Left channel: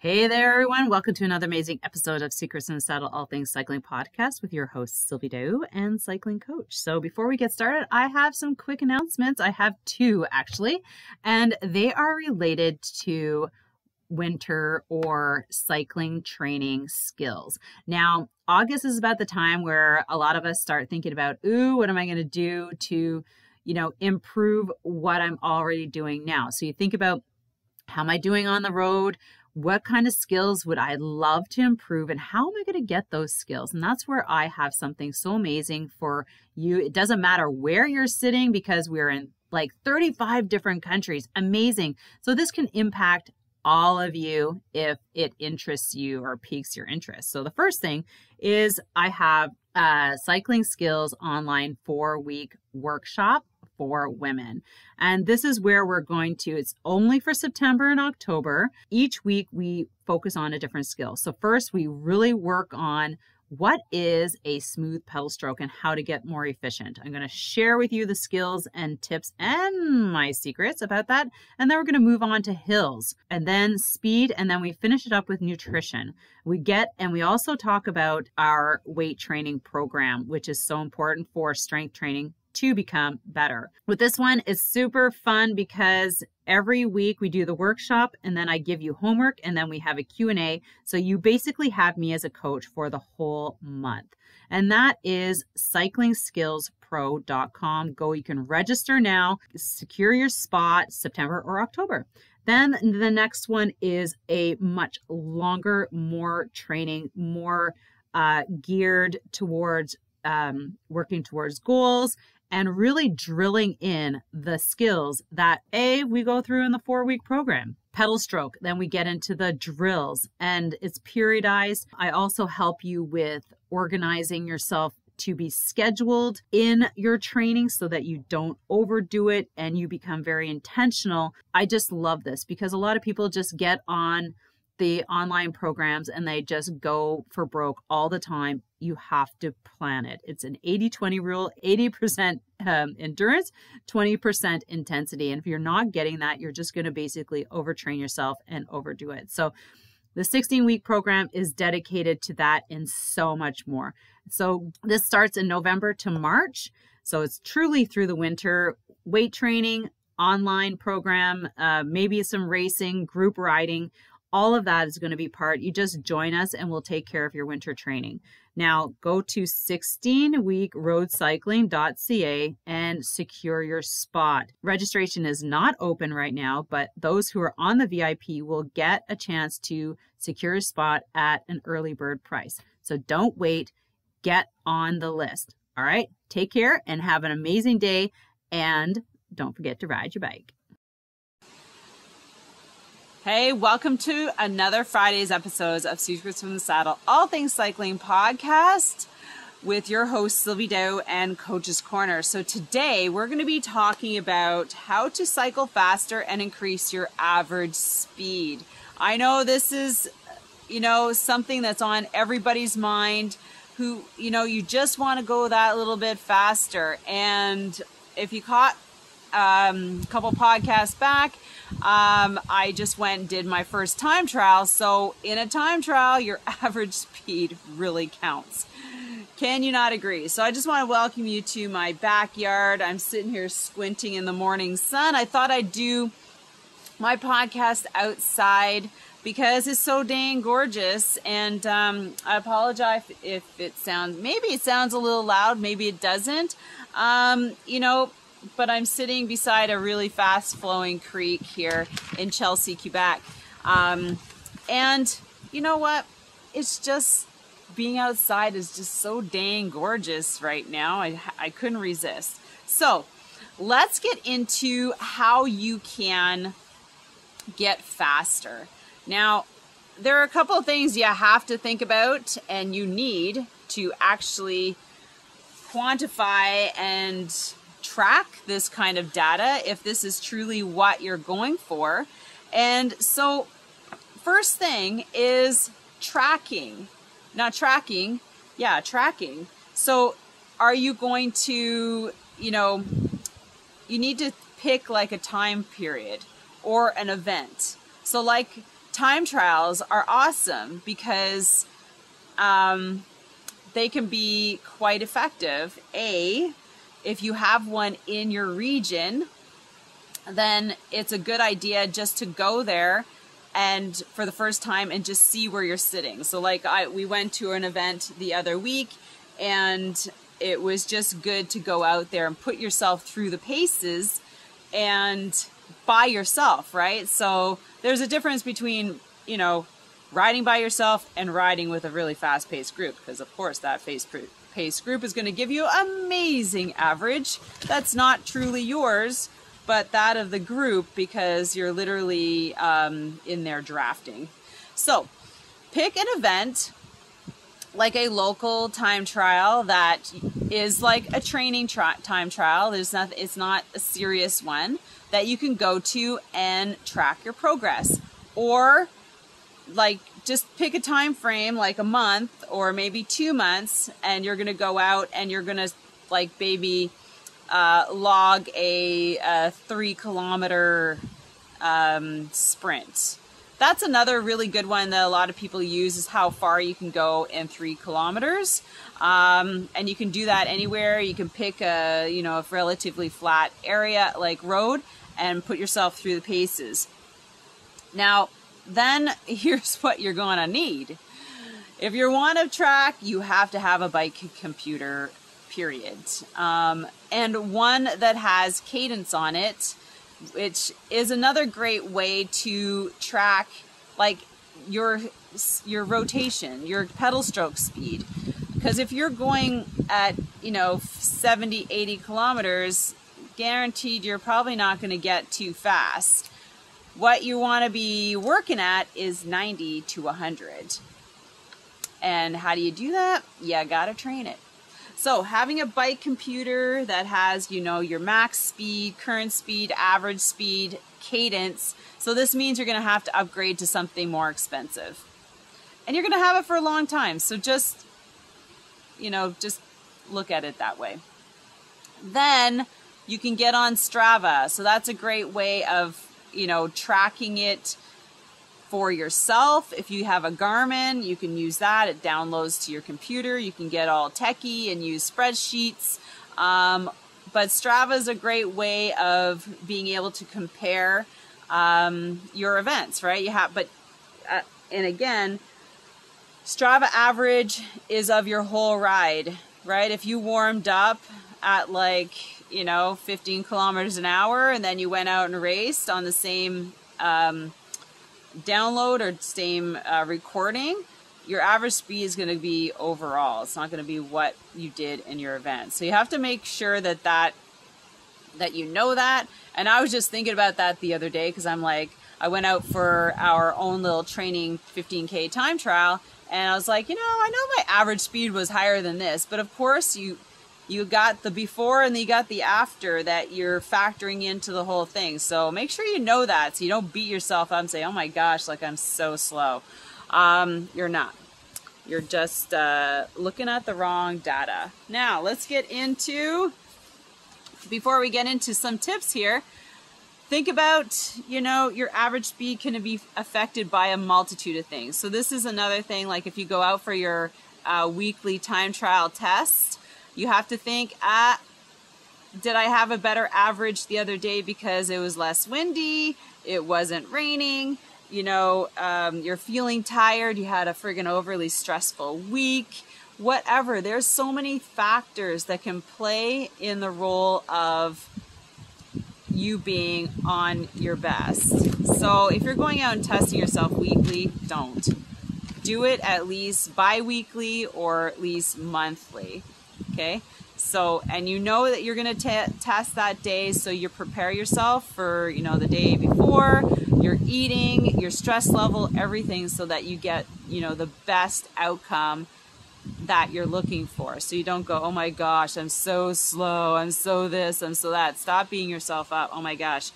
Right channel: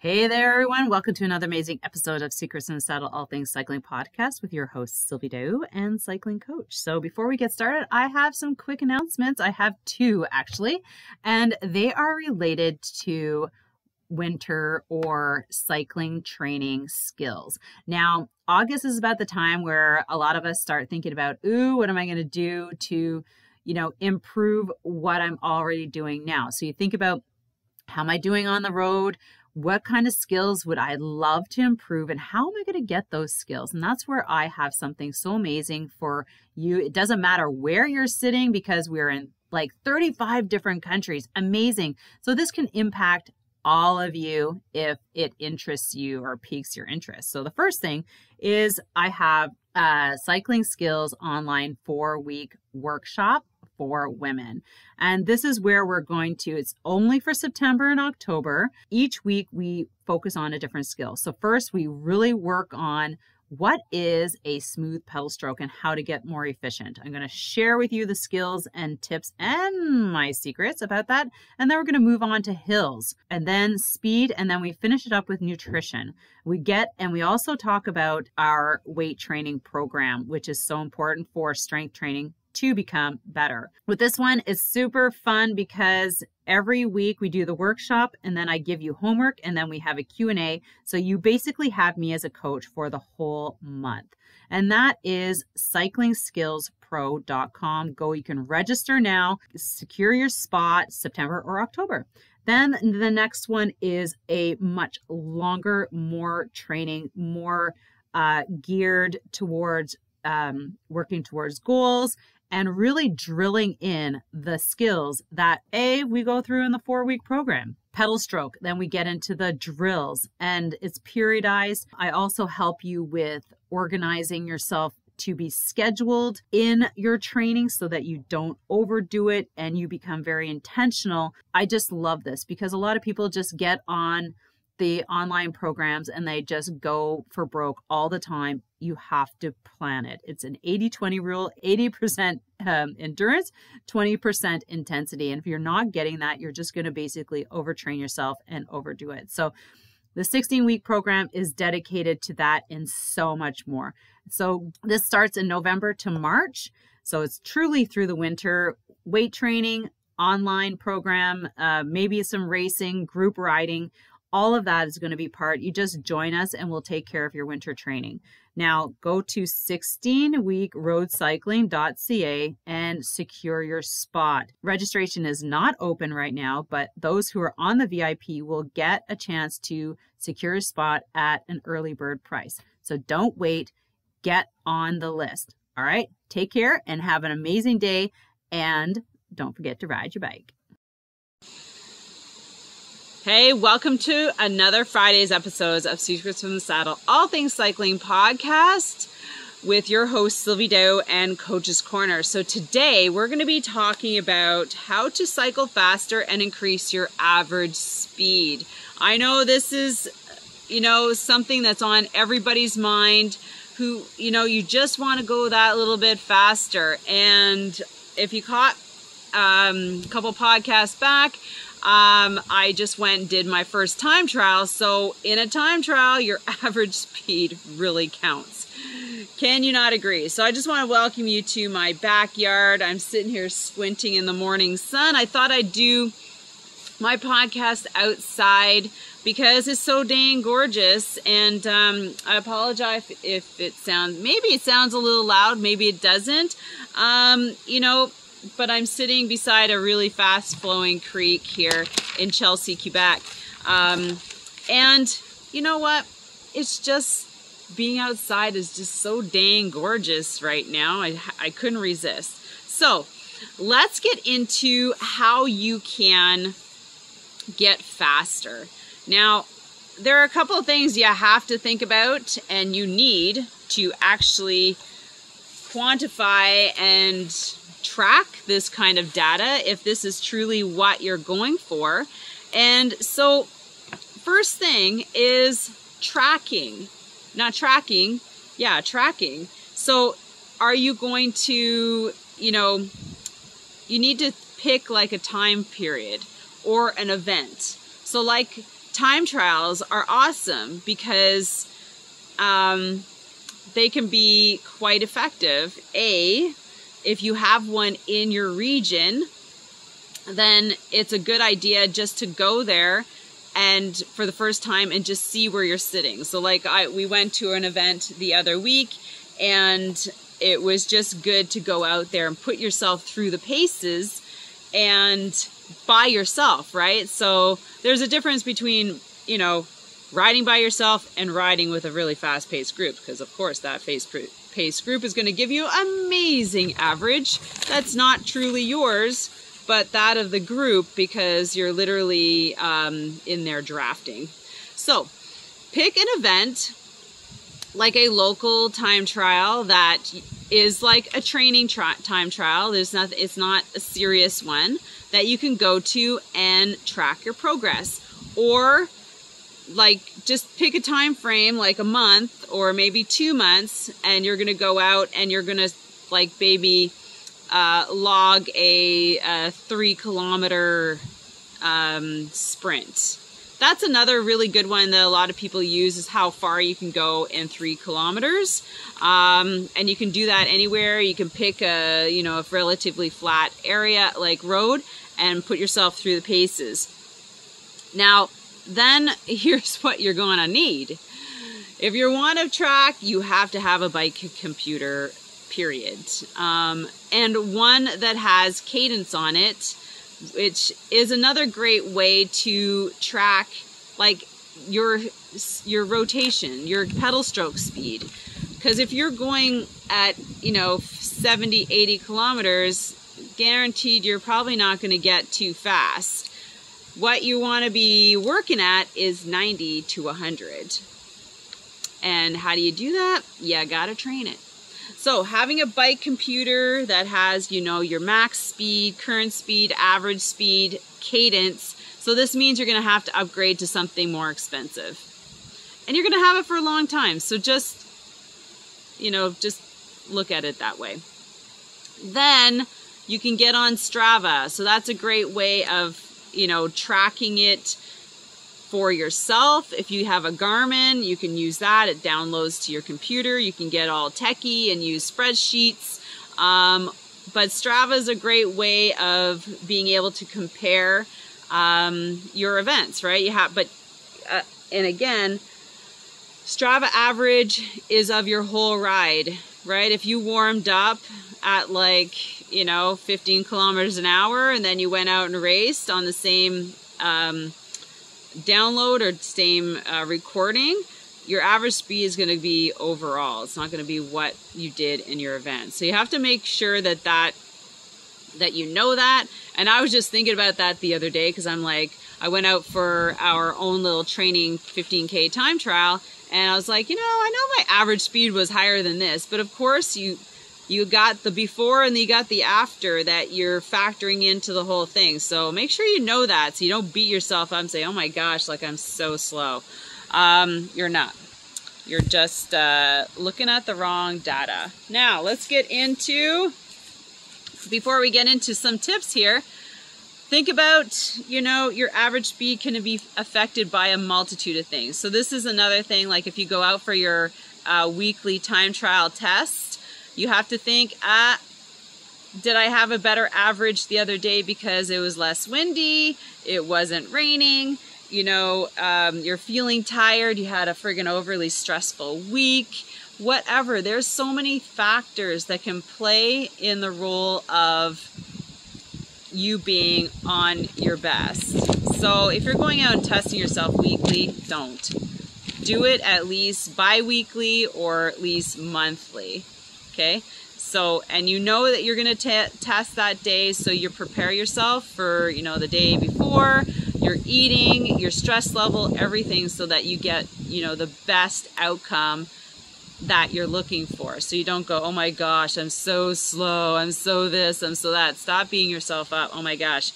Hey there, everyone. Welcome to another amazing episode of Secrets in the Saddle, All Things Cycling podcast with your host, Sylvie and cycling coach. So before we get started, I have some quick announcements. I have two, actually, and they are related to winter or cycling training skills. Now, August is about the time where a lot of us start thinking about, what am I going to do to, improve what I'm already doing now? So you think about, how am I doing on the road? What kind of skills would I love to improve, and how am I going to get those skills? And that's where I have something so amazing for you. It doesn't matter where you're sitting because we're in like 35 different countries. Amazing. So this can impact all of you if it interests you or piques your interest. So the first thing is I have a cycling skills online 4-week workshop for women. And this is where we're going to, it's only for September and October. Each week we focus on a different skill. So first we really work on what is a smooth pedal stroke and how to get more efficient. I'm going to share with you the skills and tips and my secrets about that. And then we're going to move on to hills and then speed. And then we finish it up with nutrition. And we also talk about our weight training program, which is so important for strength training to become better. With this one, it's super fun because every week we do the workshop and then I give you homework and then we have a Q&A. So you basically have me as a coach for the whole month. And that is cyclingskillspro.com. You can register now, secure your spot September or October. Then the next one is a much longer, more training, more geared towards working towards goals and really drilling in the skills that we go through in the 4-week program. Pedal stroke, then we get into the drills and it's periodized. I also help you with organizing yourself to be scheduled in your training so that you don't overdo it and you become very intentional. I just love this because a lot of people just get on the online programs and they just go for broke all the time. You have to plan it. It's an 80-20 rule, 80% endurance, 20% intensity. And if you're not getting that, you're just going to basically overtrain yourself and overdo it. So the 16-week program is dedicated to that and so much more. So this starts in November to March. So it's truly through the winter. Weight training, online program, maybe some racing, group riding. All of that is going to be part. You just join us and we'll take care of your winter training. Now go to 16weekroadcycling.ca and secure your spot. Registration is not open right now, but those who are on the VIP will get a chance to secure a spot at an early bird price. So don't wait, get on the list. All right, take care and have an amazing day. And don't forget to ride your bike. Hey, welcome to another Friday's episodes of Secrets from the Saddle, All Things Cycling podcast with your host, Sylvie and Coach's Corner. So today we're going to be talking about how to cycle faster and increase your average speed. I know this is, something that's on everybody's mind who, you just want to go that little bit faster. And if you caught a couple podcasts back, I just went and did my first time trial. So in a time trial, your average speed really counts. Can you not agree? So I just want to welcome you to my backyard. I'm sitting here squinting in the morning sun. I thought I'd do my podcast outside because it's so dang gorgeous. And I apologize if it sounds, maybe it sounds a little loud, maybe it doesn't. But I'm sitting beside a really fast-flowing creek here in Chelsea, Quebec. And you know what? It's just, being outside is just so dang gorgeous right now. I couldn't resist. So let's get into how you can get faster. Now, there are a couple of things you have to think about and you need to actually quantify and track this kind of data if this is truly what you're going for. And so first thing is tracking. Tracking. So are you going to, you need to pick like a time period or an event. So like time trials are awesome because they can be quite effective. If you have one in your region, then it's a good idea just to go there and for the first time and just see where you're sitting. So like we went to an event the other week, and it was just good to go out there and put yourself through the paces and by yourself, right? So there's a difference between, you know, riding by yourself and riding with a really fast-paced group, because of course that fast-paced group is going to give you amazing average that's not truly yours, but that of the group, because you're literally in there drafting. So pick an event like a local time trial that is like a training time trial. It's not a serious one that you can go to and track your progress. Or like just pick a time frame like a month or maybe 2 months, and you're gonna go out and you're gonna like maybe log a 3 kilometer sprint. That's another really good one that a lot of people use, is how far you can go in 3 kilometers. And you can do that anywhere. You can pick a, you know, a relatively flat area like road and put yourself through the paces. Now, then here's what you're going to need. If you want to track, you have to have a bike computer, period. And one that has cadence on it, which is another great way to track like your rotation, your pedal stroke speed. Because if you're going at, you know, 70, 80 kilometers, guaranteed you're probably not going to get too fast. What you want to be working at is 90 to 100. And how do you do that? You got to train it. So having a bike computer that has, you know, your max speed, current speed, average speed, cadence. So this means you're going to have to upgrade to something more expensive. And you're going to have it for a long time. So just, you know, just look at it that way. Then you can get on Strava. So that's a great way of, you know, tracking it for yourself. If you have a Garmin, you can use that. It downloads to your computer. You can get all techie and use spreadsheets. But Strava is a great way of being able to compare your events, right? And again, Strava average is of your whole ride, right? If you warmed up at like, you know, 15 kilometers an hour, and then you went out and raced on the same download or same recording, your average speed is going to be overall. It's not going to be what you did in your event. So you have to make sure that you know that. And I was just thinking about that the other day, because I'm like, I went out for our own little training 15K time trial, and I was like, you know, I know my average speed was higher than this, but of course you got the before and you got the after that you're factoring into the whole thing. So make sure you know that, so you don't beat yourself up and say, oh my gosh, like I'm so slow. You're not. You're just looking at the wrong data. Now let's get into, before we get into some tips here, think about, you know, your average speed can be affected by a multitude of things. So this is another thing, like if you go out for your weekly time trial test, you have to think, did I have a better average the other day because it was less windy, it wasn't raining, you know, you're feeling tired, you had a friggin' overly stressful week, whatever. There's so many factors that can play in the role of you being on your best. So if you're going out and testing yourself weekly, don't. Do it at least bi-weekly or at least monthly. Okay, so, and you know that you're going to test that day, so you prepare yourself for, you know, the day before, your eating, your stress level, everything, so that you get, you know, the best outcome that you're looking for. So you don't go, oh my gosh, I'm so slow, I'm so this, I'm so that. Stop beating yourself up. Oh my gosh.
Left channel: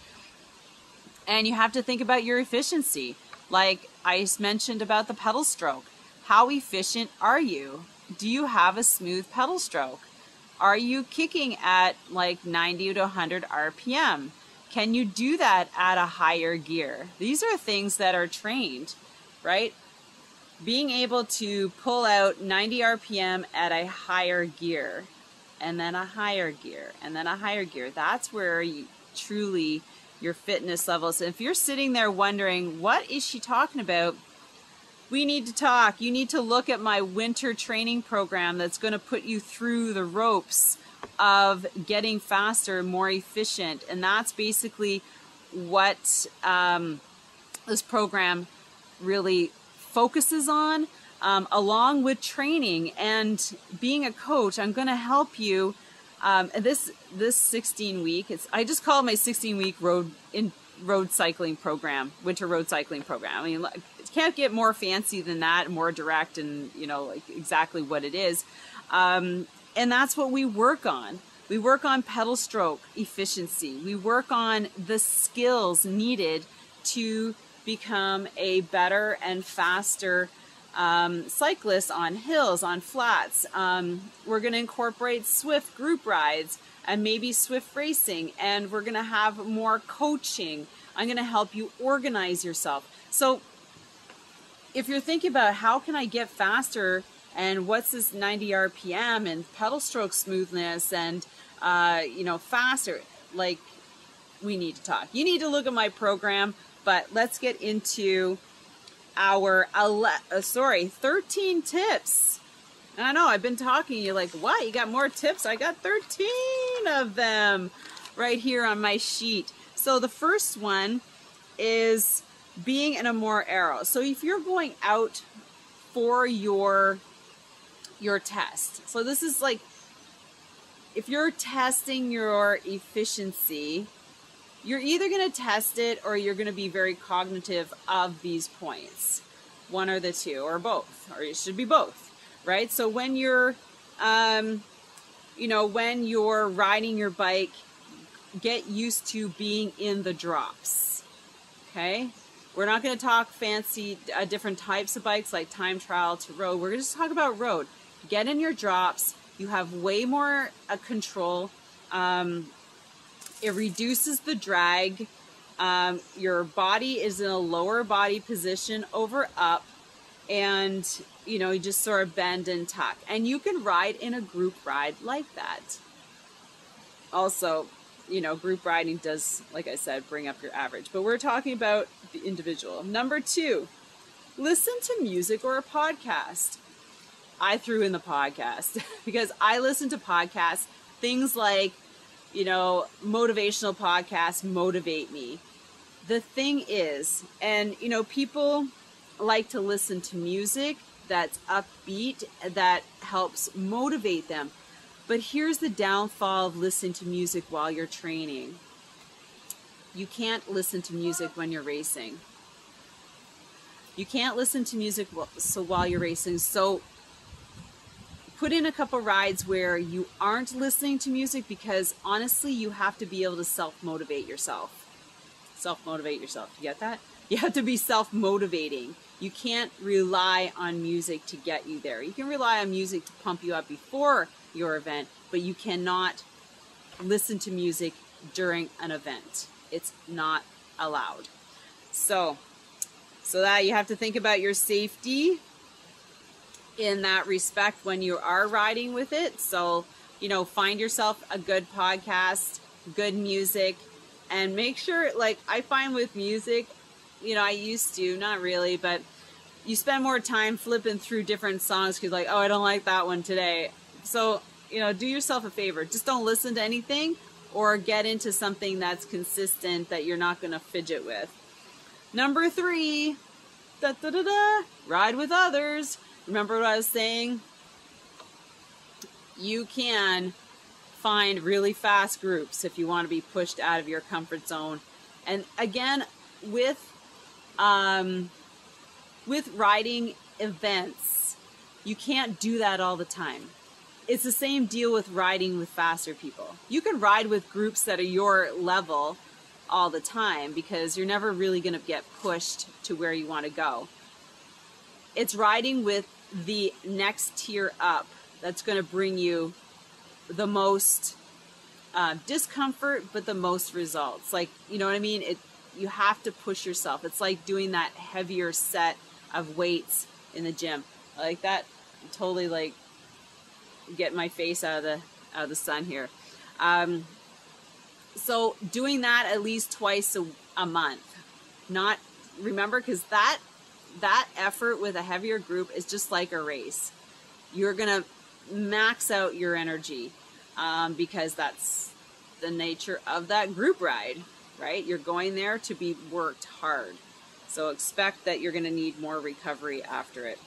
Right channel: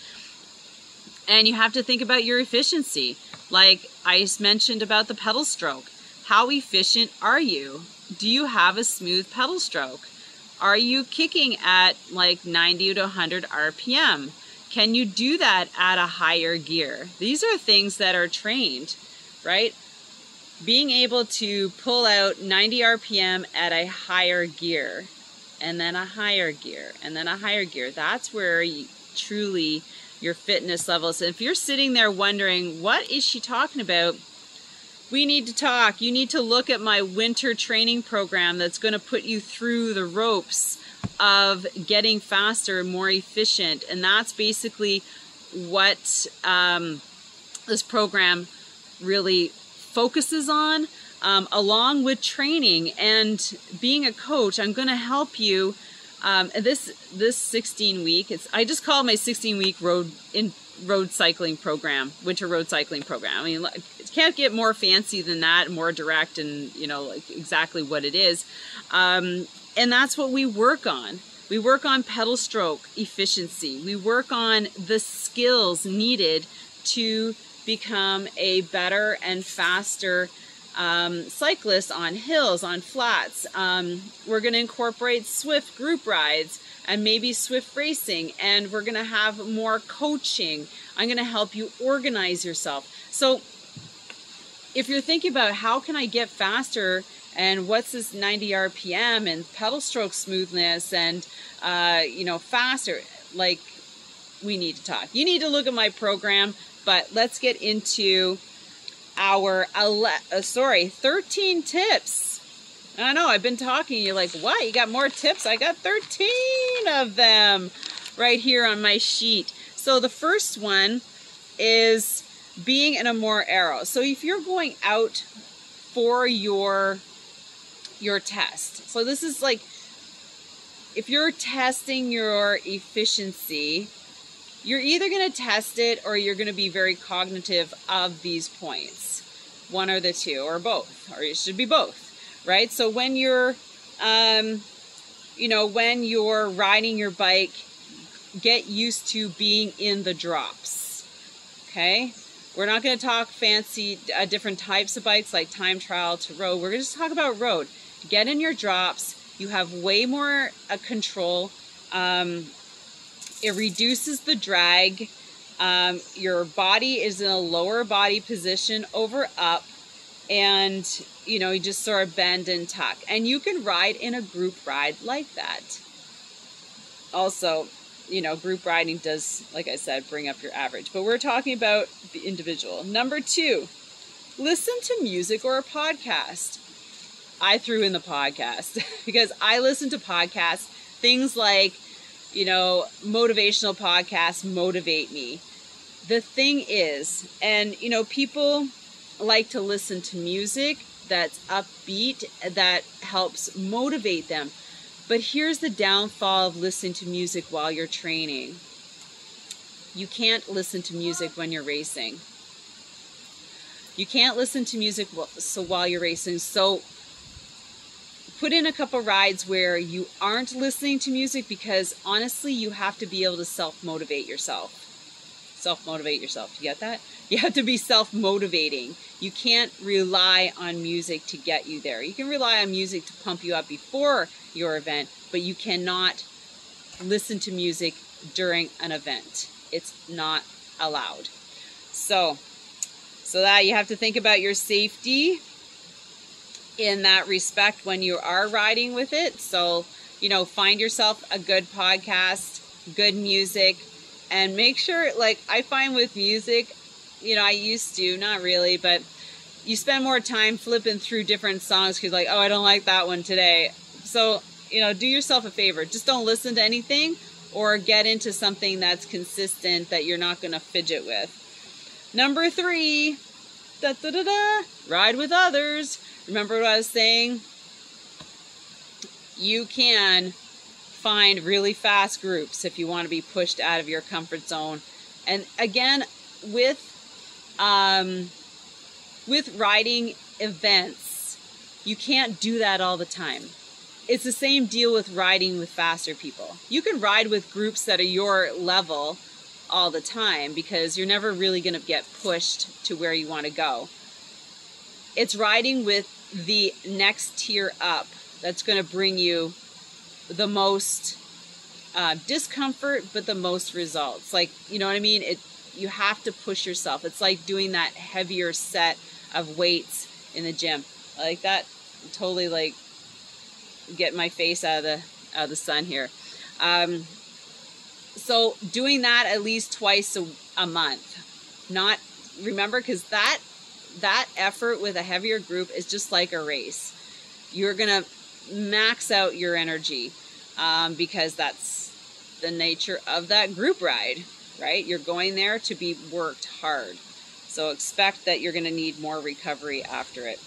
And you have to think about your efficiency. Like I mentioned about the pedal stroke. How efficient are you? Do you have a smooth pedal stroke? Are you kicking at like 90 to 100 RPM? Can you do that at a higher gear? These are things that are trained, right? Being able to pull out 90 RPM at a higher gear, and then a higher gear, and then a higher gear. That's where truly your fitness levels. And if you're sitting there wondering, what is she talking about? We need to talk. You need to look at my winter training program that's going to put you through the ropes of getting faster and more efficient. And that's basically what this program really focuses on, along with training and being a coach. I'm going to help you. This 16-week, I just call it my 16-week road cycling program, winter road cycling program. I mean, it can't get more fancy than that, more direct, and like exactly what it is. And that's what we work on. We work on pedal stroke efficiency. We work on the skills needed to become a better and faster cyclist on hills, on flats. We're going to incorporate Swift group rides and maybe Swift racing, and we're going to have more coaching. I'm going to help you organize yourself. So if you're thinking about how can I get faster, and what's this 90 RPM and pedal stroke smoothness and faster, like, we need to talk. You need to look at my program, but let's get into our 13 tips. I know, I've been talking, you're like, what? You got more tips? I got 13 of them right here on my sheet. So the first one is being in a more aero. So if you're going out for your test, so this is like, if you're testing your efficiency, you're either going to test it or you're going to be very cognitive of these points. One or the two, or both, or it should be both, right? So when you're, when you're riding your bike, get used to being in the drops, okay? We're not going to talk fancy, different types of bikes like time trial to road. We're going to just talk about road. Get in your drops. You have way more control. It reduces the drag. Your body is in a lower body position over up, and you just sort of bend and tuck. And you can ride in a group ride like that. Also, group riding does, like I said, bring up your average, but we're talking about the individual. Number 2, listen to music or a podcast. I threw in the podcast because I listen to podcasts, things like, motivational podcasts motivate me. The thing is, and people like to listen to music that's upbeat, that helps motivate them. But here's the downfall of listening to music while you're training. You can't listen to music when you're racing. You can't listen to music while you're racing. So put in a couple rides where you aren't listening to music, because honestly, you have to be able to self-motivate yourself. Self-motivate yourself. You get that? You have to be self-motivating. You can't rely on music to get you there. You can rely on music to pump you up before your event, but you cannot listen to music during an event. It's not allowed. So that you have to think about your safety in that respect when you are riding with it. So, find yourself a good podcast, good music, and make sure, like I find with music, I used to, not really, but you spend more time flipping through different songs because like, oh, I don't like that one today. So, do yourself a favor. Just don't listen to anything, or get into something that's consistent that you're not going to fidget with. Number 3, ride with others. Remember what I was saying? You can find really fast groups if you want to be pushed out of your comfort zone. And again, with riding events, you can't do that all the time. It's the same deal with riding with faster people. You can ride with groups that are your level all the time, because you're never really going to get pushed to where you want to go. It's riding with the next tier up that's going to bring you the most discomfort, but the most results. Like, you know what I mean? You have to push yourself. It's like doing that heavier set of weights in the gym. I like that. Totally like get my face out of the sun here. So doing that at least twice a month. Not, remember, because that effort with a heavier group is just like a race. You're gonna max out your energy because that's the nature of that group ride, right? You're going there to be worked hard. So expect that you're gonna need more recovery after it.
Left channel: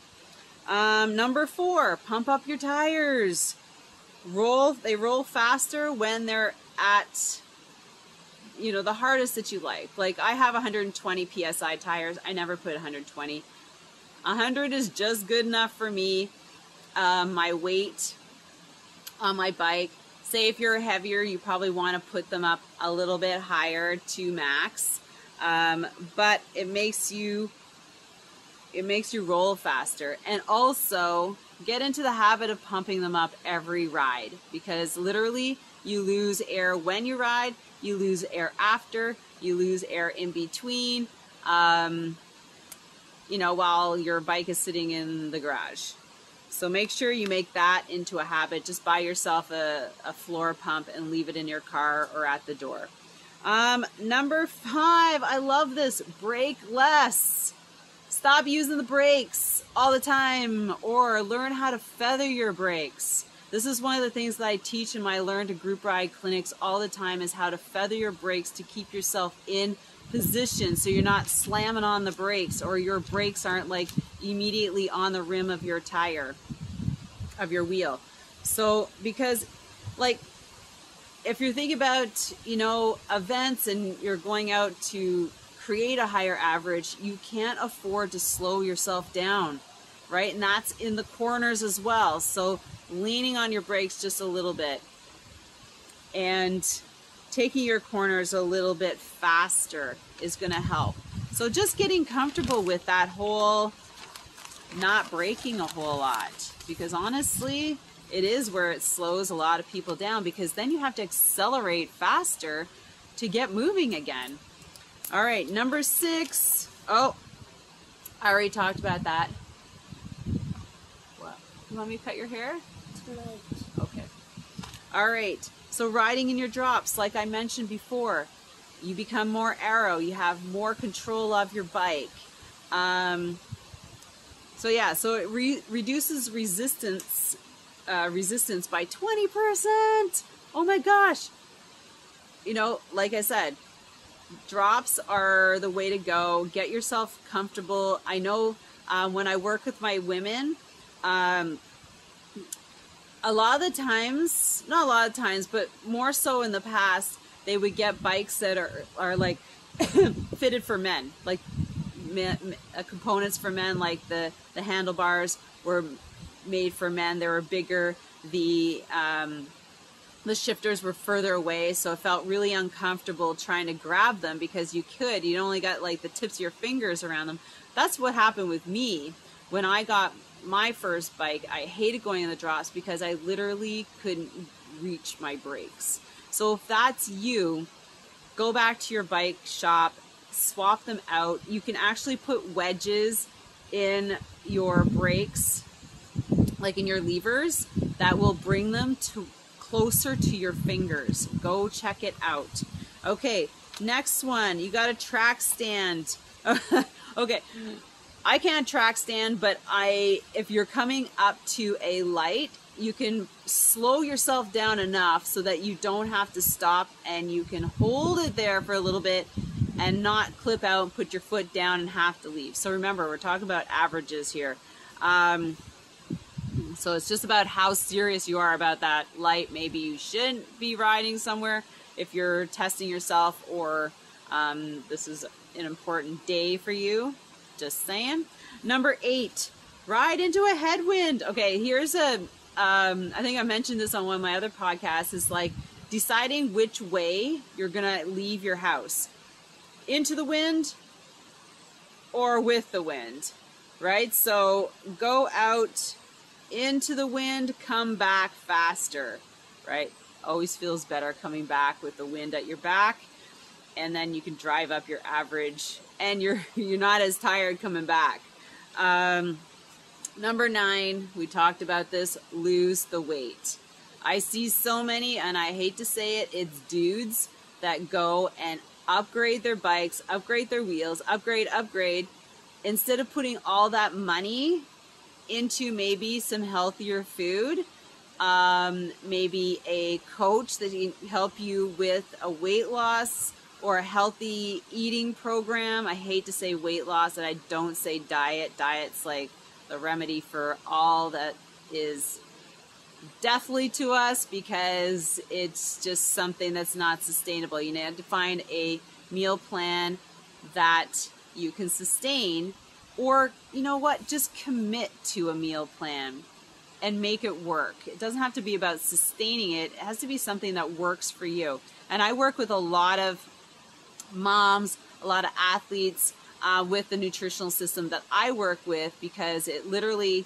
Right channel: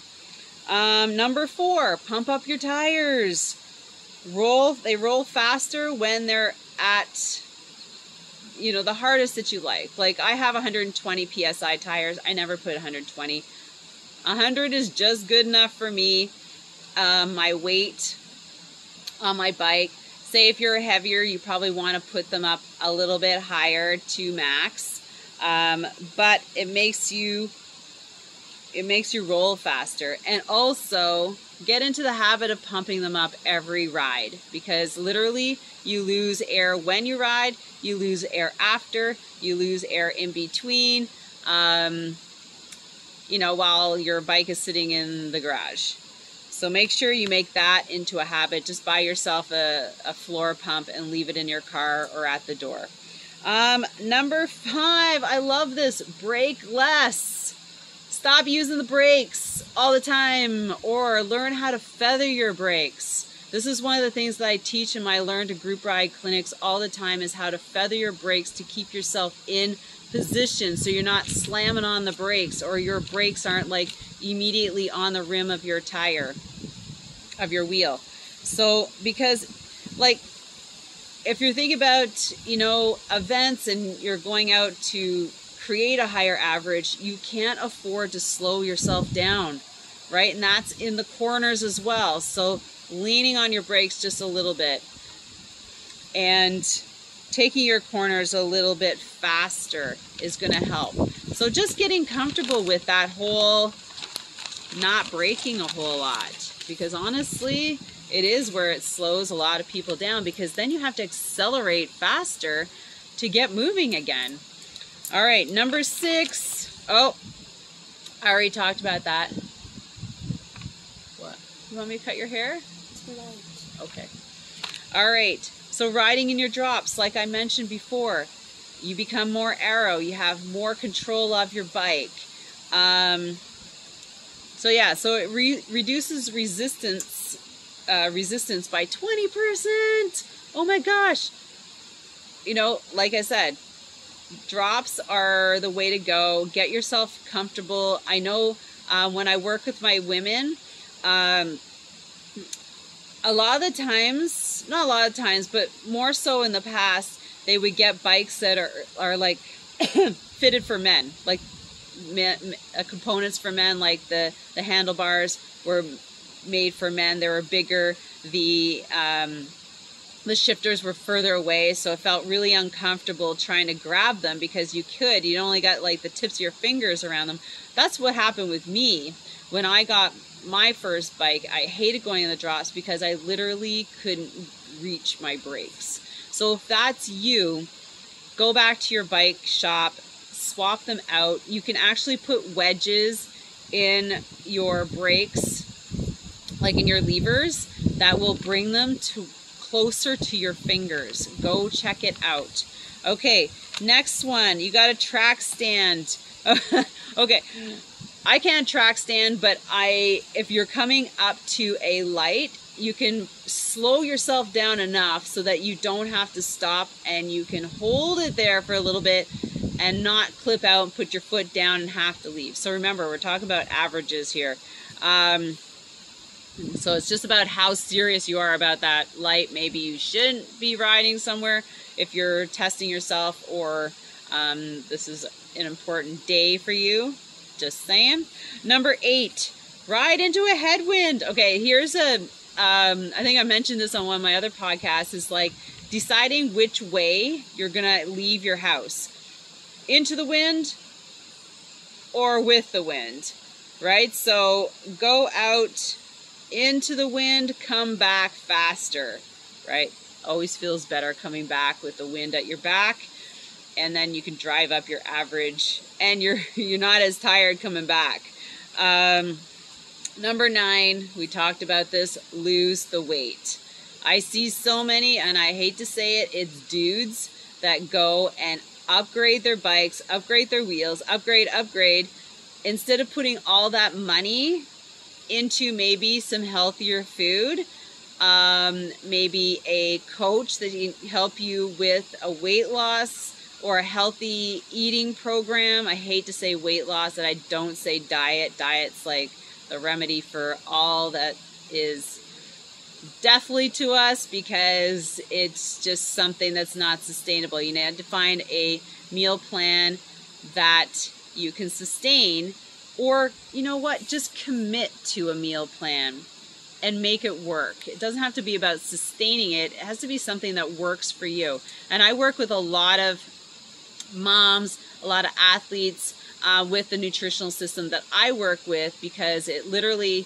Number 4, pump up your tires. They roll faster when they're at, you know, the hardest that you like. Like I have 120 PSI tires. I never put 120. 100 is just good enough for me. My weight on my bike, say if you're heavier, you probably want to put them up a little bit higher to max. But it makes you roll faster. And also get into the habit of pumping them up every ride, because literally you lose air when you ride, you lose air after, you lose air in between, you know, while your bike is sitting in the garage. So make sure you make that into a habit. Just buy yourself a floor pump and leave it in your car or at the door. Number 5, I love this, brake less. Stop using the brakes all the time, or learn how to feather your brakes. This is one of the things that I teach in my Learn to Group Ride clinics all the time, is how to feather your brakes to keep yourself in position so you're not slamming on the brakes, or your brakes aren't like immediately on the rim of your tire, of your wheel. So because like if you're thinking about, you know, events and you're going out to create a higher average, you can't afford to slow yourself down, right? And that's in the corners as well. So leaning on your brakes just a little bit and taking your corners a little bit faster is going to help. So just getting comfortable with that whole not braking a whole lot, because honestly, it is where it slows a lot of people down, because then you have to accelerate faster to get moving again. All right, number 6. Oh, I already talked about that. What? You want me to cut your hair? Okay. All right. So riding in your drops, like I mentioned before, you become more aero. You have more control of your bike. So yeah, so it reduces resistance by 20%. Oh my gosh. You know, like I said, drops are the way to go. Get yourself comfortable. I know when I work with my women, a lot of the times, not a lot of times, but more so in the past, they would get bikes that are like fitted for men, like components for men, like the handlebars were made for men. They were bigger. The shifters were further away, so it felt really uncomfortable trying to grab them, because you only got like the tips of your fingers around them. That's what happened with me when I got my first bike. I hated going in the drops because I literally couldn't reach my brakes. So if that's you, go back to your bike shop, swap them out. You can actually put wedges in your brakes, like in your levers, that will bring them to closer to your fingers. Go check it out. Okay, next one, you got a track stand. Okay, I can't track stand, but if you're coming up to a light, you can slow yourself down enough so that you don't have to stop, and you can hold it there for a little bit and not clip out and put your foot down and have to leave. So remember, we're talking about averages here. So it's just about how serious you are about that light. Maybe you shouldn't be riding somewhere if you're testing yourself, or this is an important day for you. Just saying. Number 8, ride into a headwind. Okay, here's I think I mentioned this on one of my other podcasts, is like deciding which way you're gonna leave your house. Into the wind or with the wind, right? So go out into the wind, come back faster, right? always feels better coming back with the wind at your back, and then you can drive up your average, and you're not as tired coming back. Number 9, we talked about this, lose the weight. I see so many, and I hate to say it, it's dudes that go and upgrade their bikes, upgrade their wheels, upgrade, instead of putting all that money into maybe some healthier food, maybe a coach that can help you with a weight loss or a healthy eating program. I hate to say weight loss, and I don't say diet. Diet's like the remedy for all that is deathly to us, because it's just something that's not sustainable. You need to find a meal plan that you can sustain, or you know what, just commit to a meal plan and make it work. It doesn't have to be about sustaining it. It has to be something that works for you. And I work with a lot of moms, a lot of athletes with the nutritional system that I work with, because it literally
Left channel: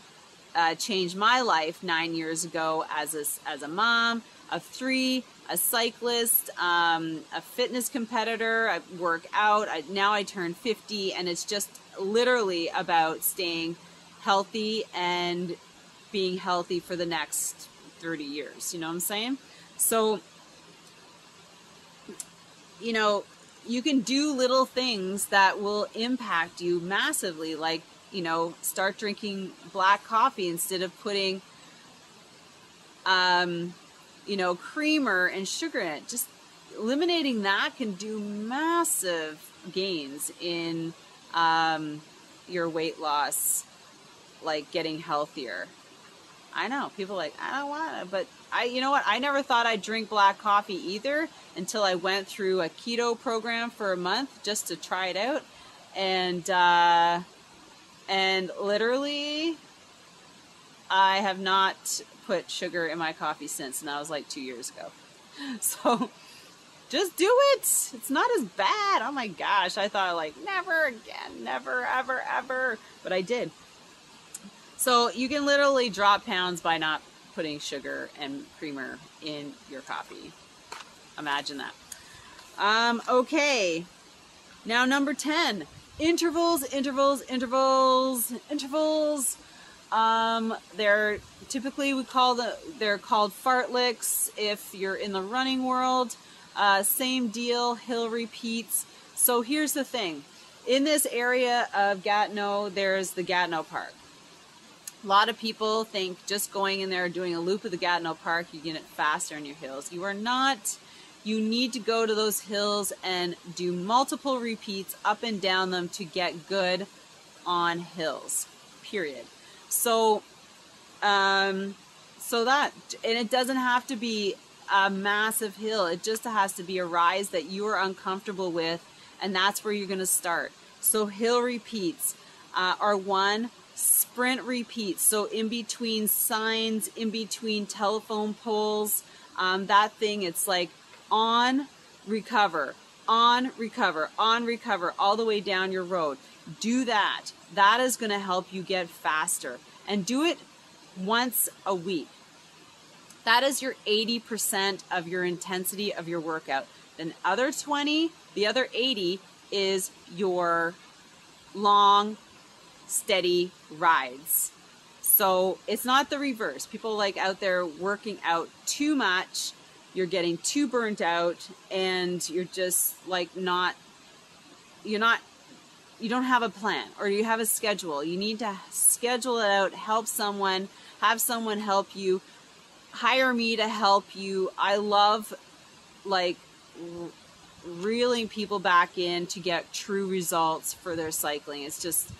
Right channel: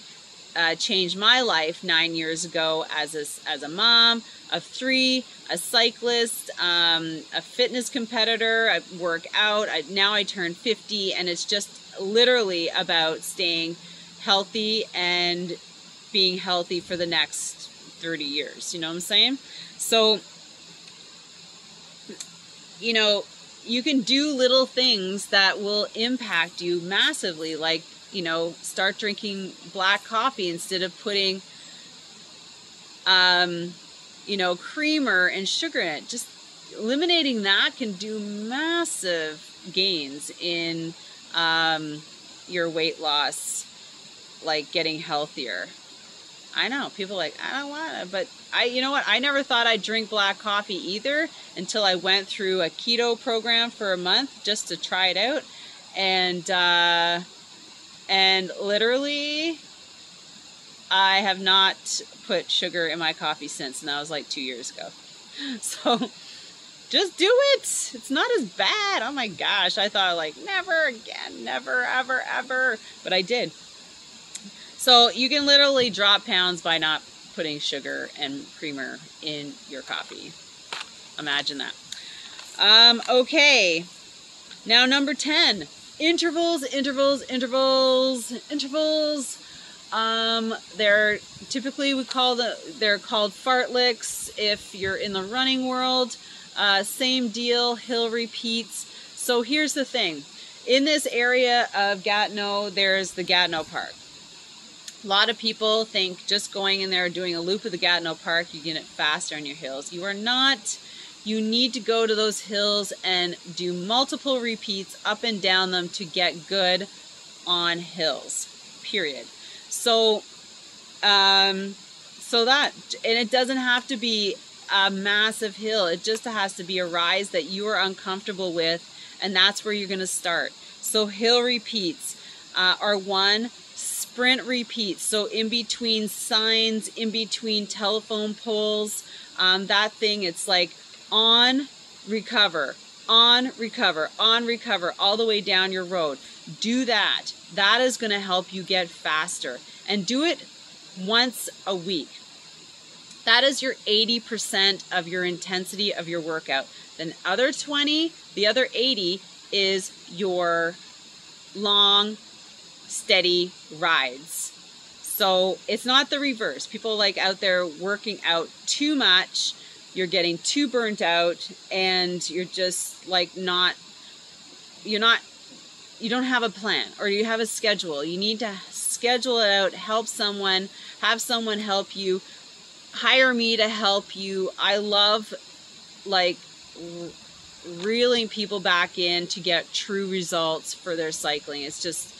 changed my life 9 years ago as a mom of 3, a cyclist, a fitness competitor. I work out. Now I turn 50, and it's just literally about staying healthy and being healthy for the next 30 years. You know what I'm saying? So, you know, you can do little things that will impact you massively, like, you know, start drinking black coffee instead of putting, you know, creamer and sugar in it. Just eliminating that can do massive gains in your weight loss, like getting healthier. I know, people are like, I don't want it, but you know what? I never thought I'd drink black coffee either until I went through a keto program for a month just to try it out. And literally, I have not put sugar in my coffee since, and that was like 2 years ago. So just do it. It's not as bad. Oh my gosh. I thought like, never again, never, ever, ever. But I did. So you can literally drop pounds by not putting sugar and creamer in your coffee. Imagine that. Okay. Now number 10. Intervals. They're typically they're called fartleks if you're in the running world. Same deal, hill repeats. So here's the thing. In this area of Gatineau, there's the Gatineau Park. A lot of people think just going in there doing a loop of the Gatineau Park, you get it faster on your hills. You are not. You need to go to those hills and do multiple repeats up and down them to get good on hills, period. So, and it doesn't have to be a massive hill. It just has to be a rise that you are uncomfortable with, and that's where you're going to start. So hill repeats are one. Sprint repeats, so in between signs, in between telephone poles, that thing, it's like on, recover, on, recover, on, recover, all the way down your road. Do that. That is going to help you get faster. And do it once a week. That is your 80% of your intensity of your workout. Then other 20, the other 80 is your long, steady rides. So it's not the reverse. People like out there working out too much, you're getting too burnt out, and you're just like you don't have a plan, or you have a schedule. You need to schedule it out, help someone, have someone help you, hire me to help you. I love like reeling people back in to get true results for their cycling. It's just,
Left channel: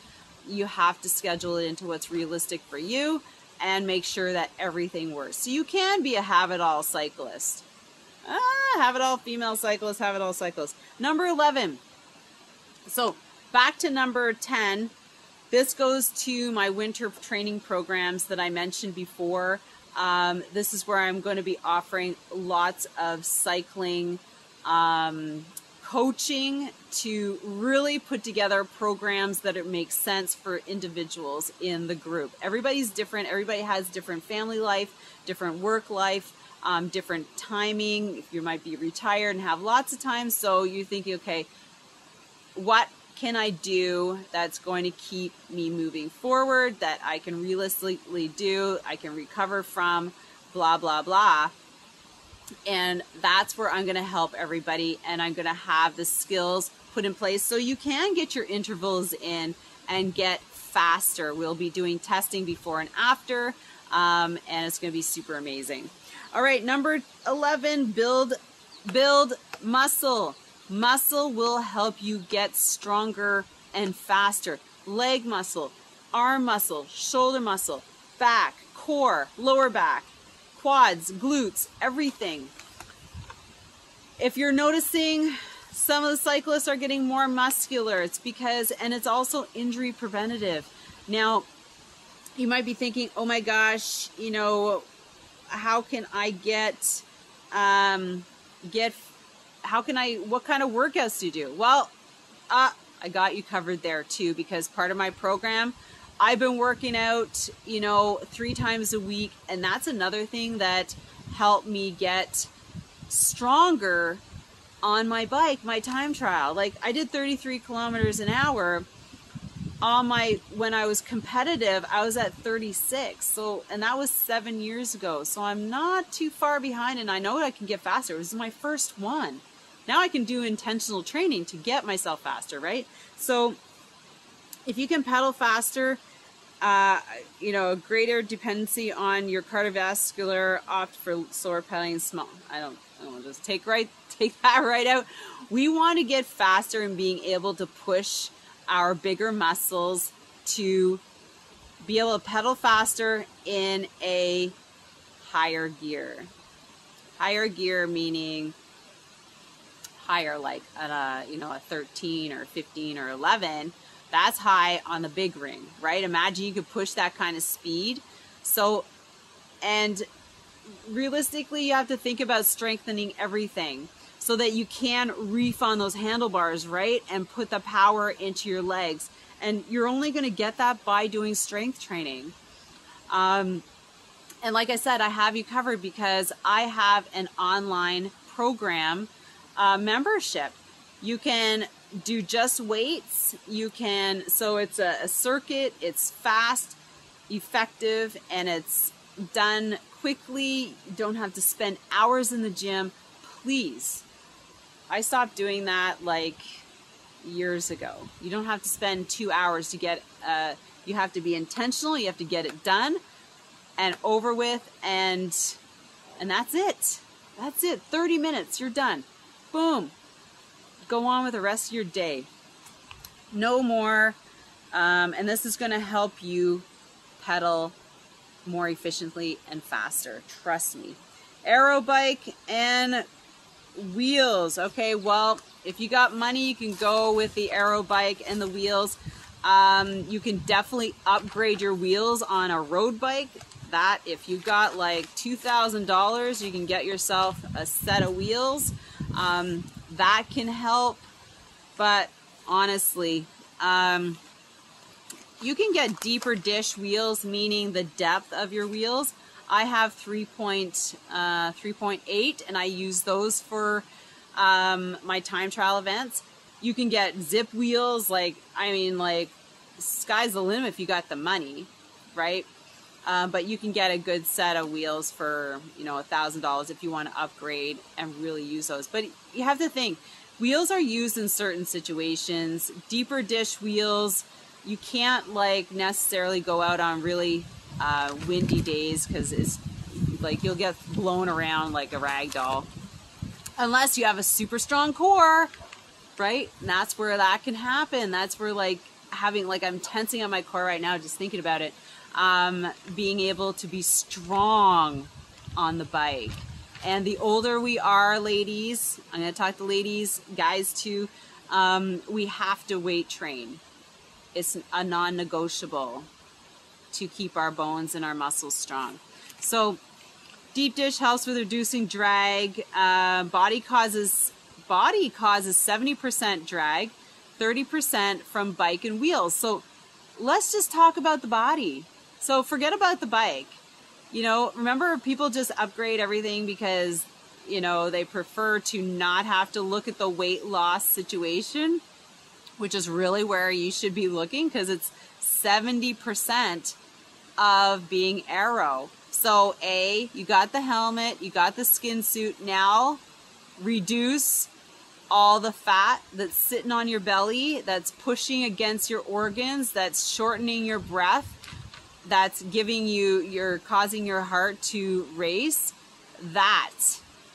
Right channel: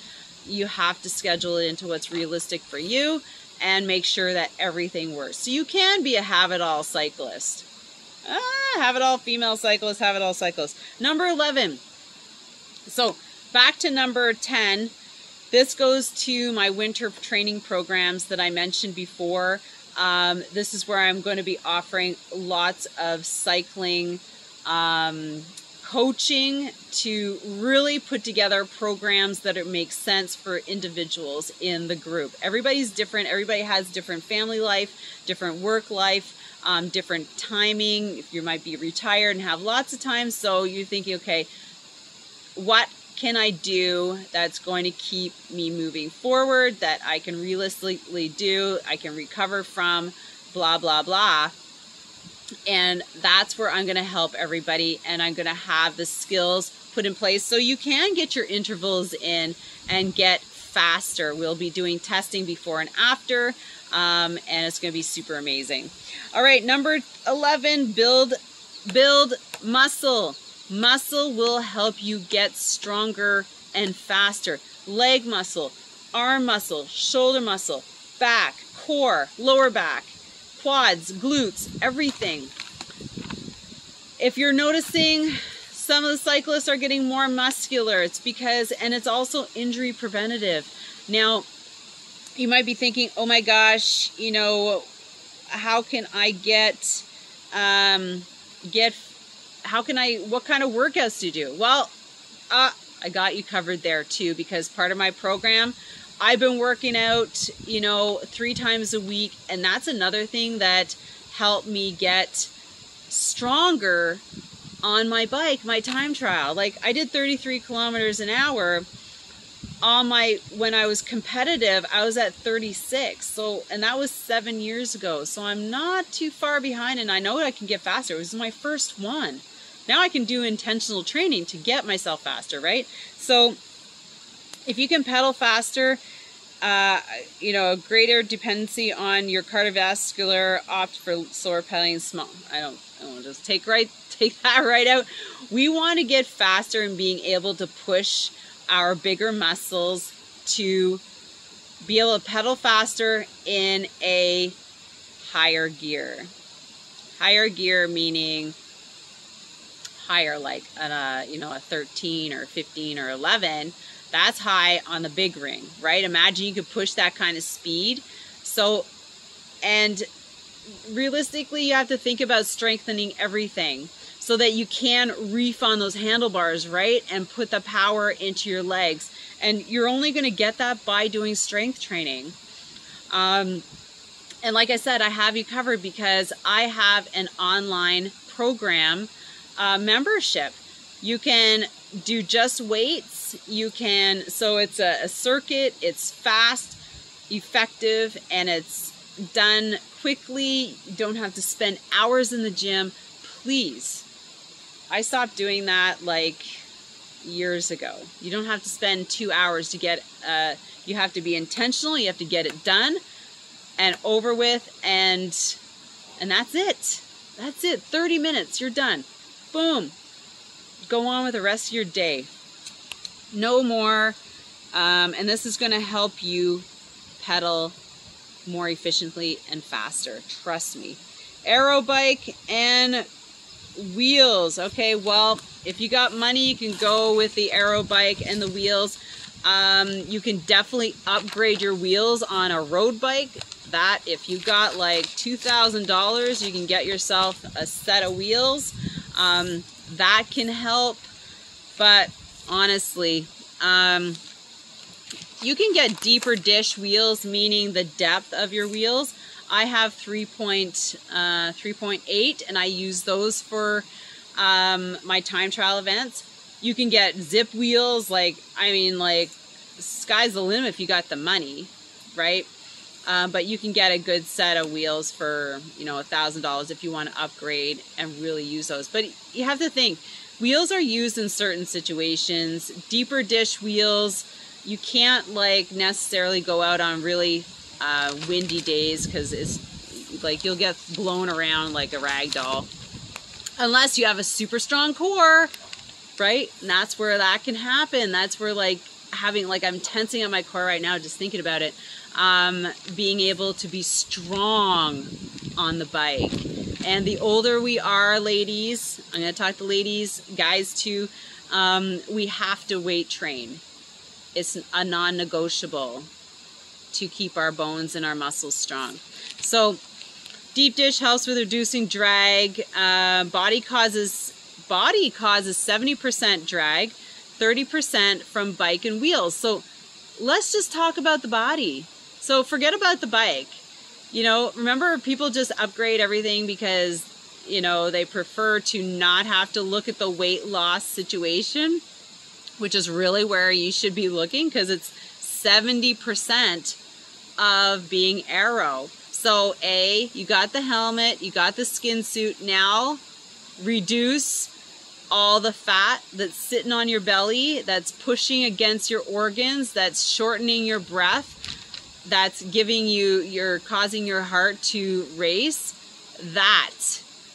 you have to schedule it into what's realistic for you and make sure that everything works. So you can be a have-it-all cyclist. Have-it-all female cyclist, have-it-all cyclist. Number 11. So back to number 10. This goes to my winter training programs that I mentioned before. This is where I'm going to be offering lots of cycling coaching to really put together programs that make sense for individuals in the group. Everybody's different. Everybody has different family life, different work life. different timing. If you might be retired and have lots of time, so you're thinking, okay, what can I do that's going to keep me moving forward, that I can realistically do, I can recover from, blah, blah, blah. And that's where I'm going to help everybody, and I'm going to have the skills put in place so you can get your intervals in and get faster. We'll be doing testing before and after, and it's going to be super amazing. All right, number 11, build muscle. Muscle will help you get stronger and faster. Leg muscle, arm muscle, shoulder muscle, back, core, lower back, quads, glutes, everything. If you're noticing some of the cyclists are getting more muscular, it's because, and it's also injury preventative. Now, you might be thinking, oh my gosh, you know, how can I what kind of workouts to do? Well, I got you covered there too, because part of my program, I've been working out, you know, 3 times a week, and that's another thing that helped me get stronger on my bike, my time trial. Like, I did 33 kilometers an hour on when I was competitive. I was at 36. So, and that was 7 years ago. So I'm not too far behind, and I know I can get faster. It was my first one. Now I can do intentional training to get myself faster, right? So if you can pedal faster, you know, greater dependency on your cardiovascular, opt for slower pedaling, small. I don't just take that right out. We want to get faster and being able to push our bigger muscles to be able to pedal faster in a higher gear. Higher gear meaning higher, like you know, a 13 or 15 or 11. That's high on the big ring, right? Imagine you could push that kind of speed. So, and realistically, you have to think about strengthening everything so that you can reef on those handlebars, right? And put the power into your legs. And you're only going to get that by doing strength training. And like I said, I have you covered because I have an online program membership. You can do just weights. You can, so it's a circuit, it's fast, effective, and it's done quickly. You don't have to spend hours in the gym. Please. I stopped doing that like years ago. You don't have to spend 2 hours to get, you have to be intentional. You have to get it done and over with, and that's it. That's it. 30 minutes, you're done. Boom. Go on with the rest of your day. No more. And this is going to help you pedal more efficiently and faster. Trust me. Aero bike and wheels. Okay, well, if you got money, you can go with the aero bike and the wheels. You can definitely upgrade your wheels on a road bike. That, if you got like $2,000, you can get yourself a set of wheels. That can help. But honestly, you can get deeper dish wheels, meaning the depth of your wheels. I have 3.8, and I use those for my time trial events. You can get zip wheels, like, I mean, like, sky's the limit if you got the money, right? But you can get a good set of wheels for, you know, $1,000 if you want to upgrade and really use those. But you have to think, wheels are used in certain situations. Deeper dish wheels, you can't like necessarily go out on really windy days, because it's like you'll get blown around like a rag doll. Unless you have a super strong core, right? And that's where that can happen. That's where like having, like, I'm tensing on my core right now just thinking about it. Being able to be strong on the bike. And the older we are, ladies, I'm going to talk to ladies, guys too, we have to weight train. It's a non-negotiable to keep our bones and our muscles strong. So deep dish helps with reducing drag. Body causes 70% drag, 30% from bike and wheels. So let's just talk about the body. So forget about the bike. you know, remember, people just upgrade everything because, you know, they prefer to not have to look at the weight loss situation, which is really where you should be looking, because it's 70% of being aero. So you got the helmet, you got the skin suit. Now reduce all the fat that's sitting on your belly, that's pushing against your organs, that's shortening your breath, that's causing your heart to race. That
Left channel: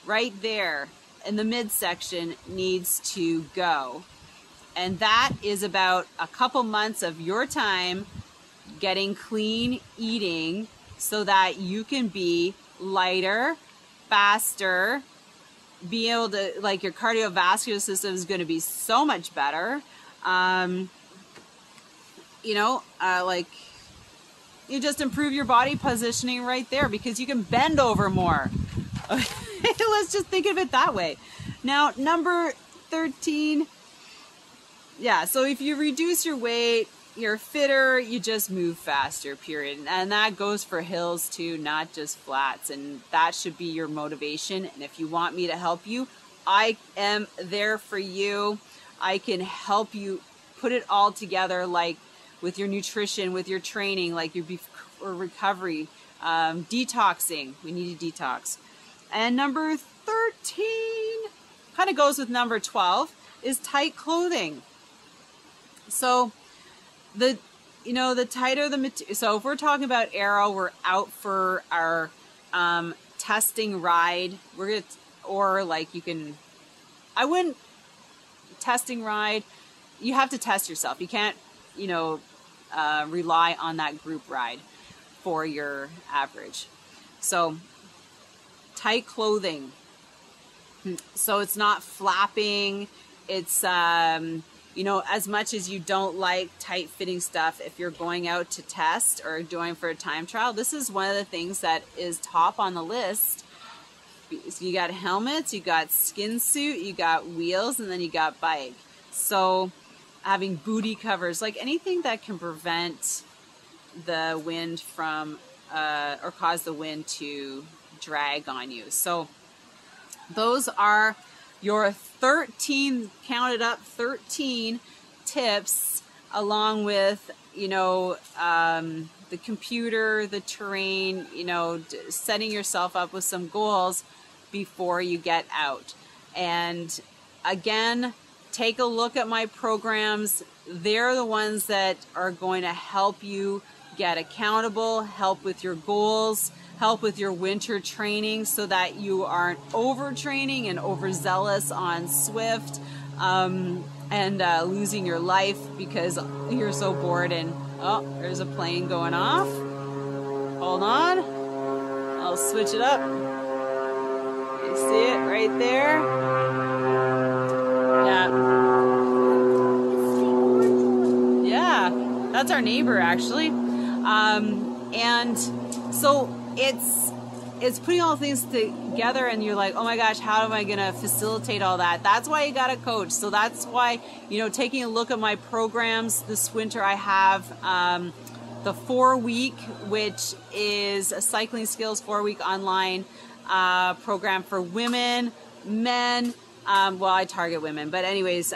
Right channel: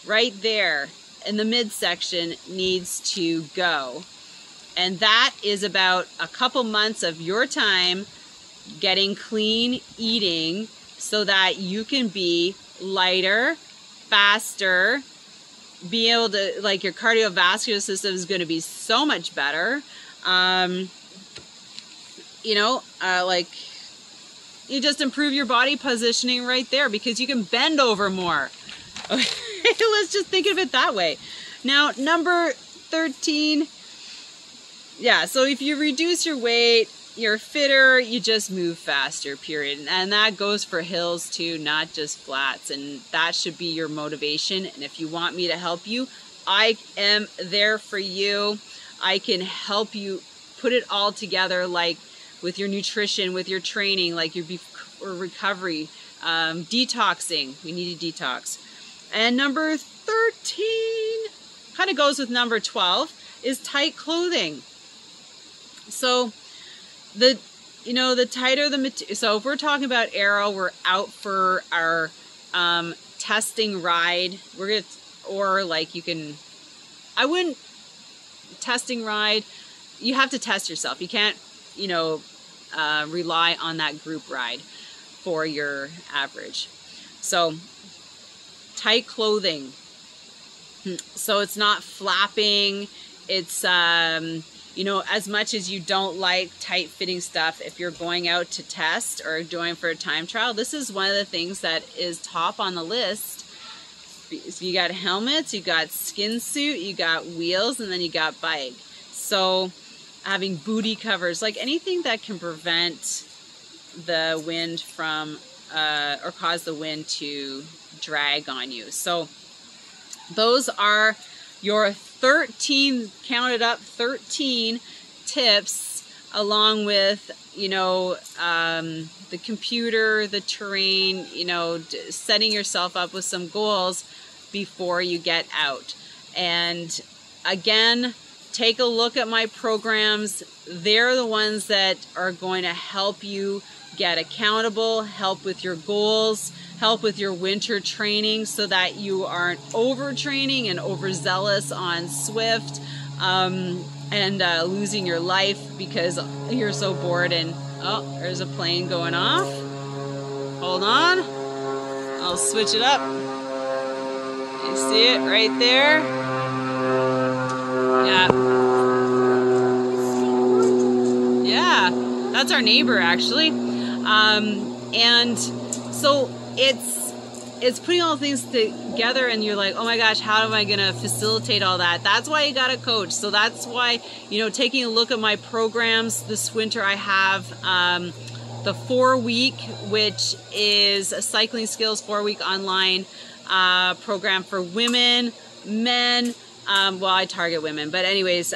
right there in the midsection needs to go. And that is about a couple months of your time getting clean eating so that you can be lighter, faster, be able to, like, your cardiovascular system is going to be so much better. You know, like, you just improve your body positioning right there because you can bend over more. Let's just think of it that way. Now, number 13. Yeah, so if you reduce your weight, you're fitter, you just move faster, period. And that goes for hills too, not just flats. And that should be your motivation. And if you want me to help you, I am there for you. I can help you put it all together, like with your nutrition, with your training, like your recovery, detoxing. We need to detox. And number 13 kind of goes with number 12 is tight clothing. So the tighter the material. So if we're talking about aero, we're out for our testing ride. Testing ride. You have to test yourself. You can't, rely on that group ride for your average. So tight clothing. So it's not flapping. It's, as much as you don't like tight fitting stuff, if you're going out to test or going for a time trial, this is one of the things that is top on the list. So you got helmets, you got skin suit, you got wheels, and then you got bike. So having booty covers, like anything that can prevent the wind from, or cause the wind to drag on you. So those are your 13, counted up 13 tips, along with, the computer, the terrain, setting yourself up with some goals before you get out. And again, take a look at my programs. They're the ones that are going to help you get accountable, help with your goals, help with your winter training so that you aren't overtraining and overzealous on Swift and losing your life because you're so bored. And oh, there's a plane going off. Hold on. I'll switch it up. You see it right there? Yeah. Yeah, that's our neighbor actually. And so it's putting all things together, and you're like, oh my gosh, how am I going to facilitate all that? That's why you got a coach. So that's why, taking a look at my programs this winter, I have the 4-week, which is a cycling skills 4-week online program for women, men. Well, I target women, but anyways,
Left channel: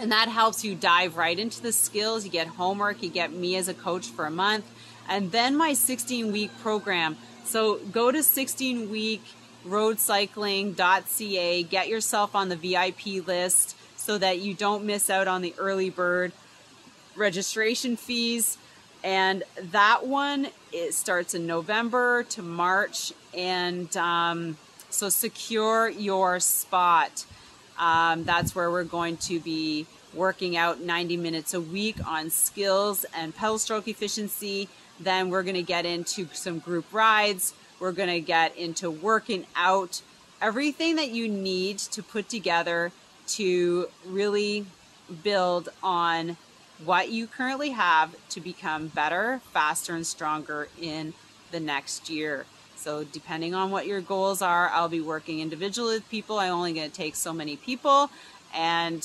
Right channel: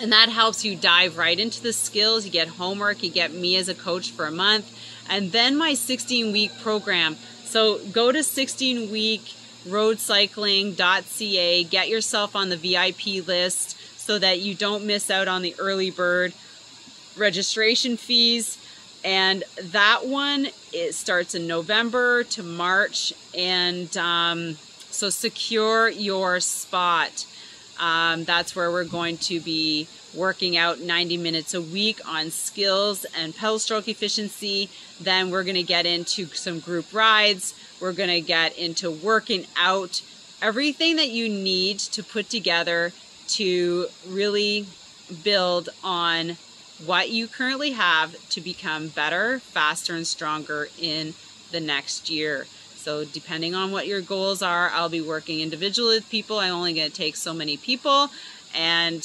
and that helps you dive right into the skills. You get homework, you get me as a coach for a month, and then my 16-week program. So go to 16weekroadcycling.ca, get yourself on the VIP list so that you don't miss out on the early bird registration fees. And that one, it starts in November to March, and so secure your spot. That's where we're going to be working out 90 minutes a week on skills and pedal stroke efficiency. Then we're going to get into some group rides. We're going to get into working out, everything that you need to put together to really build on what you currently have to become better, faster, and stronger in the next year. So depending on what your goals are, I'll be working individually with people. I'm only going to take so many people. And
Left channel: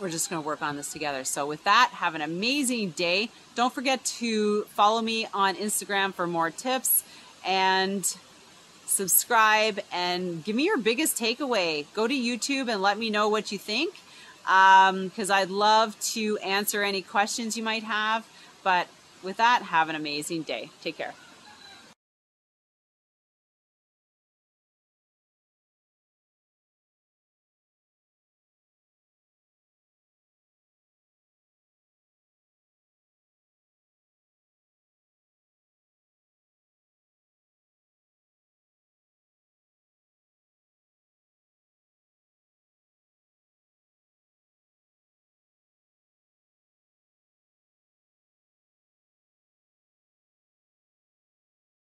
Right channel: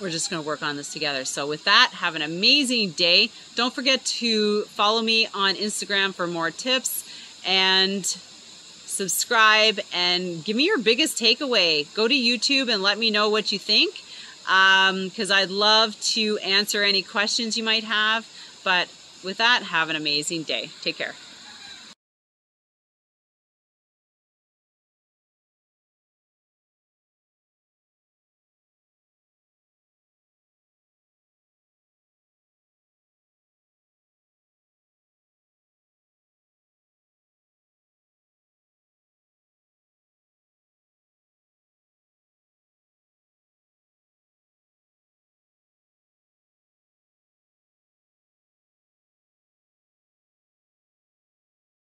we're just going to work on this together. So with that, have an amazing day. Don't forget to follow me on Instagram for more tips, and subscribe, and give me your biggest takeaway. Go to YouTube and let me know what you think, because I'd love to answer any questions you might have. But with that, have an amazing day. Take care.